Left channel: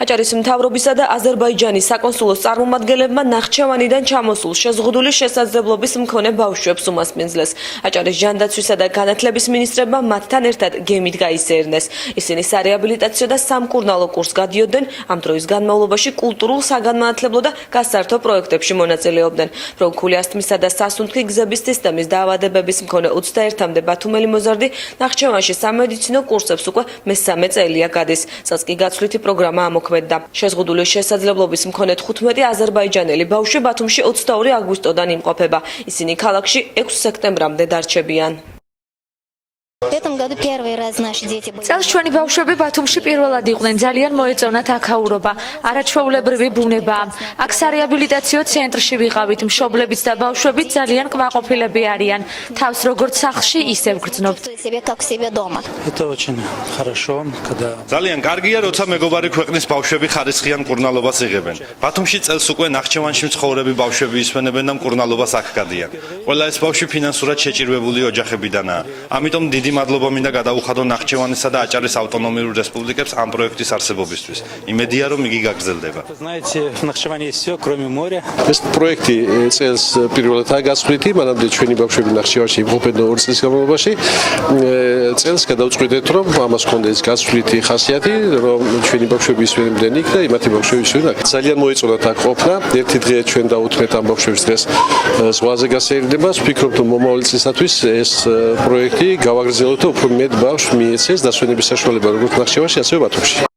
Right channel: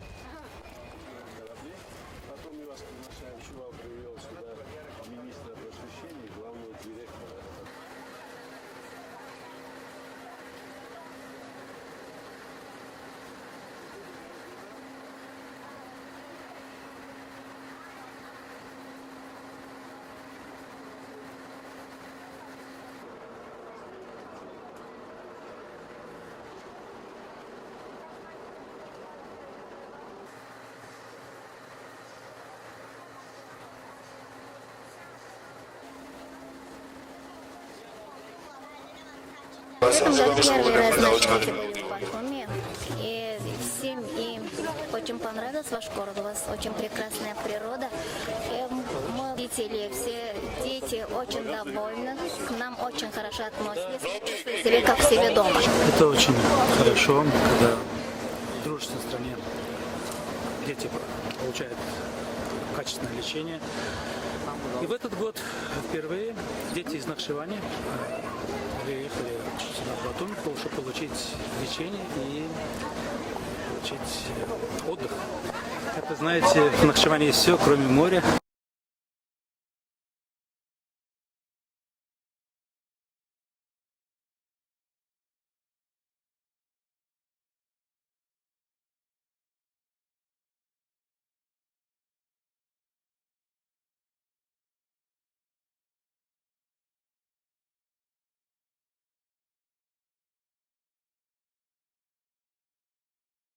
აჭარის მთავრობისა და აზერბაიჯანის საკონსულოს წარმომადგენლებმა ნახჩევანიდან ჩამოსულ შეზღუდული შესაძლებლობის მქონე ბავშვებს უმასპინძლეს. აჭარის ჟანდაცვისა და განათლების მინისტრებმა მათთან ერთად გემით გაისერნეს. ისინი სარეაბილიტაციო და სამკურნალო კურსს გადიოდნენ, ამ დროის განმავლობაში კულტურულ, საგანმანათლებლო და გასართო პროექტებში მონაწილეობდნენ. პროქული ასთმისა და სასუნთქი გზების სისტემის დაავადებების მქონე 21-მდე ბათუმელი მოზარდი ნახჩევანში სამედიცინო კურსებს უკვე მესამე წელია გადის. წელს კი გაცვლითი პროგრამა ამოქმედდა. შეზღუდული შესაძლებლობის მქონე 15 აზერბაიჯანელი ბავშვი ბათუმში 22 აგვისტოდან იმყოფება. ისინი ქალაქში 6 სექტემბრამდე დარჩებიან. წელს ჩვენი ბავშვები ბათუმში პირველად იყვნენ, ძალიან მოეწონათ აქაურობა, არაჩვეულებრივი ბუნება. აქ სარეაბილიტაციო ცენტრში ვიყავით, მშობლებიც და ბავშვებიც ძალიან კმაყოფილები არიან. თავს როგორც სახლში, ისევ გრძნობთ. ძალიან კარგია, როცა მეგობარი ქვეყნის ბავშვები ხარისხიან მკურნალობას იღებენ. ბათუმში წელს უკვე ნახჩევანში მცხოვრები ბავშვები ისვენებენ და მკურნალობას აქ გადიან. ყველა ეს ბავშვი ფინანსურად შეჭირვებული ოჯახებიდანაა. ამიტომ დიდი მადლობა მინდა გადაუხადო ნახჩევანისა და აჭარის ავტონომიურ რესპუბლიკებს ამ პროექტის არსებობისთვის. იმედია, რომ იგი გაგრძელდება. ეს პროექტი წელს პირველადაა გასვლითი, მანამდე ჩვენი ბავშვები ნახჩევანში იმყოფებოდა 2 წლის განმავლობაში. წელს გადავწყვიტეთ, რომ ამას ჰქონდა ეს გასვლითი ხასიათი, რომ ჩვენი ბავშვები ისვენებდნენ იქ და იმათი ბავშვები ისვენებდნენ აქ. ძალიან მოეწონათ აქ ყოფნა. ერთი დღე ჩვენ დავუთმეთ ამ ბავშვებს დღეს ზღვაზე გასეირნებას. ვფიქრობ, რომ მომავალი წლისათვის ეს პროექტი გავაგრძელოთ და უფრო მეტ ბავშვს მიეცეს დასვენების საშუალება როგორც ნახჩევანში, ასევე ბათუმში.